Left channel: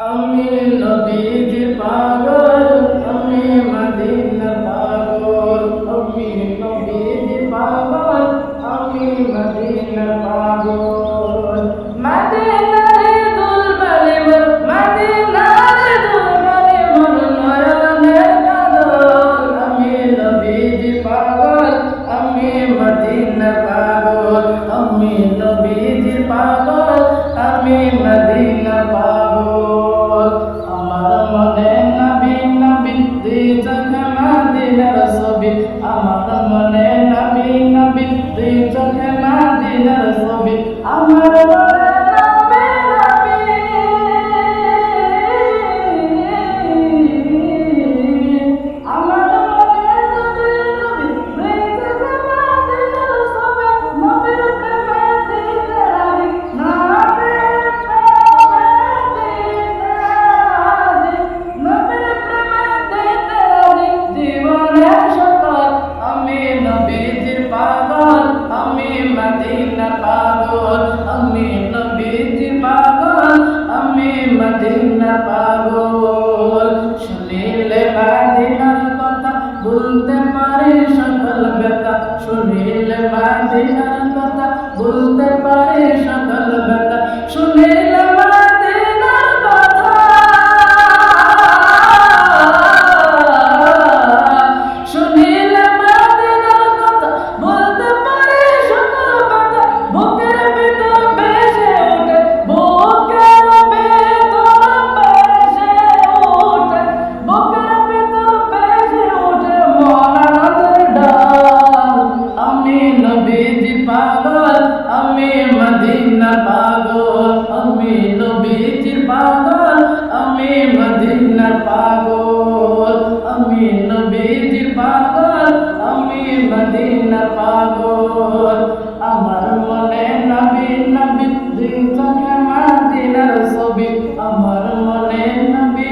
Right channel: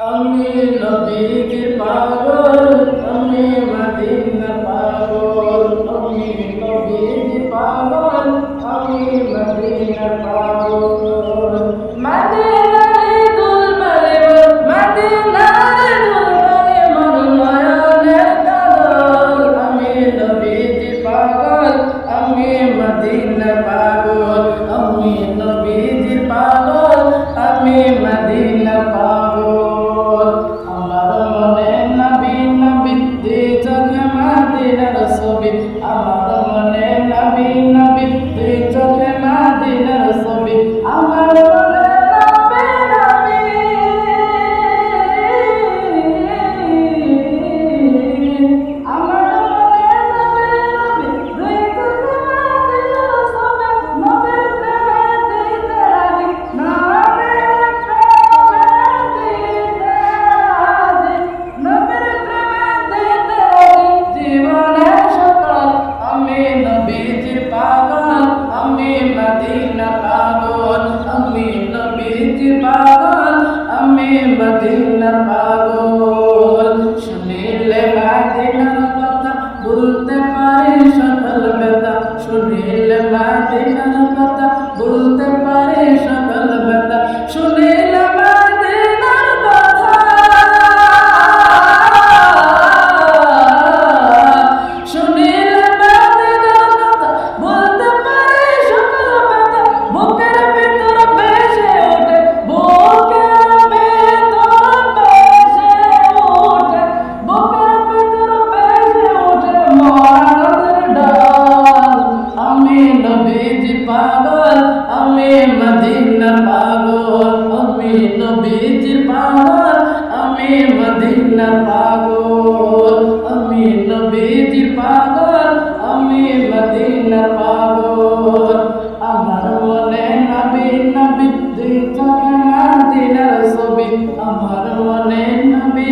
আমি নবীজির পাগল, আমি মদিনার পাগল। আমি নবীজির পাগল, আমি মদিনার পাগল। মদিনারে দুলবারে মোর, মদিনারে দুলবারে মোর নয়নের কাজল। আমি নবীজির পাগল, আমি মদিনার পাগল। আমি নবীজির পাগল, আমি মদিনার পাগল। আমার মনে নবী নবী দুই চোখে মদিনার ছবি। আমার মনে নবী নবী দুই চোখে মদিনার ছবি। আমার মনে নবী নবী, আমার মনে নবী নবী দুই চোখে মদিনার ছবি। নবীর প্রেমে দিতে রাজি, নবীর প্রেমে দিতে রাজি, নবীর প্রেমে দিতে রাজি জীবনের সকল। আমি নবীজির পাগল, আমি মদিনার পাগল। আমি নবীজির পাগল, আমি মদিনার পাগল। শুনিলে মদিনার কথা বলতে পারি সকল ব্যথা। শুনিলে মদিনার কথা বলতে পারি সকল ব্যথা। শুনিলে মদিনার কথা, শুনিলে মদিনার কথা বলতে পারি সকল ব্যথা। বুকের ভিতর ভেসে ওঠে, বুকের ভিতর ভেসে ওঠে, বুকের ভিতর ভেসে ওঠে মরা নদের ডাল। আমি নবীজির পাগল, আমি মদিনার পাগল। আমি নবীজির পাগল, আমি মদিনার পাগল। আমি নবীজির পাগল, আমি মদিনার পাগল। আমার মনে নবী নবী দুই চোখে মদিনার ছবি। আমার মনে নবী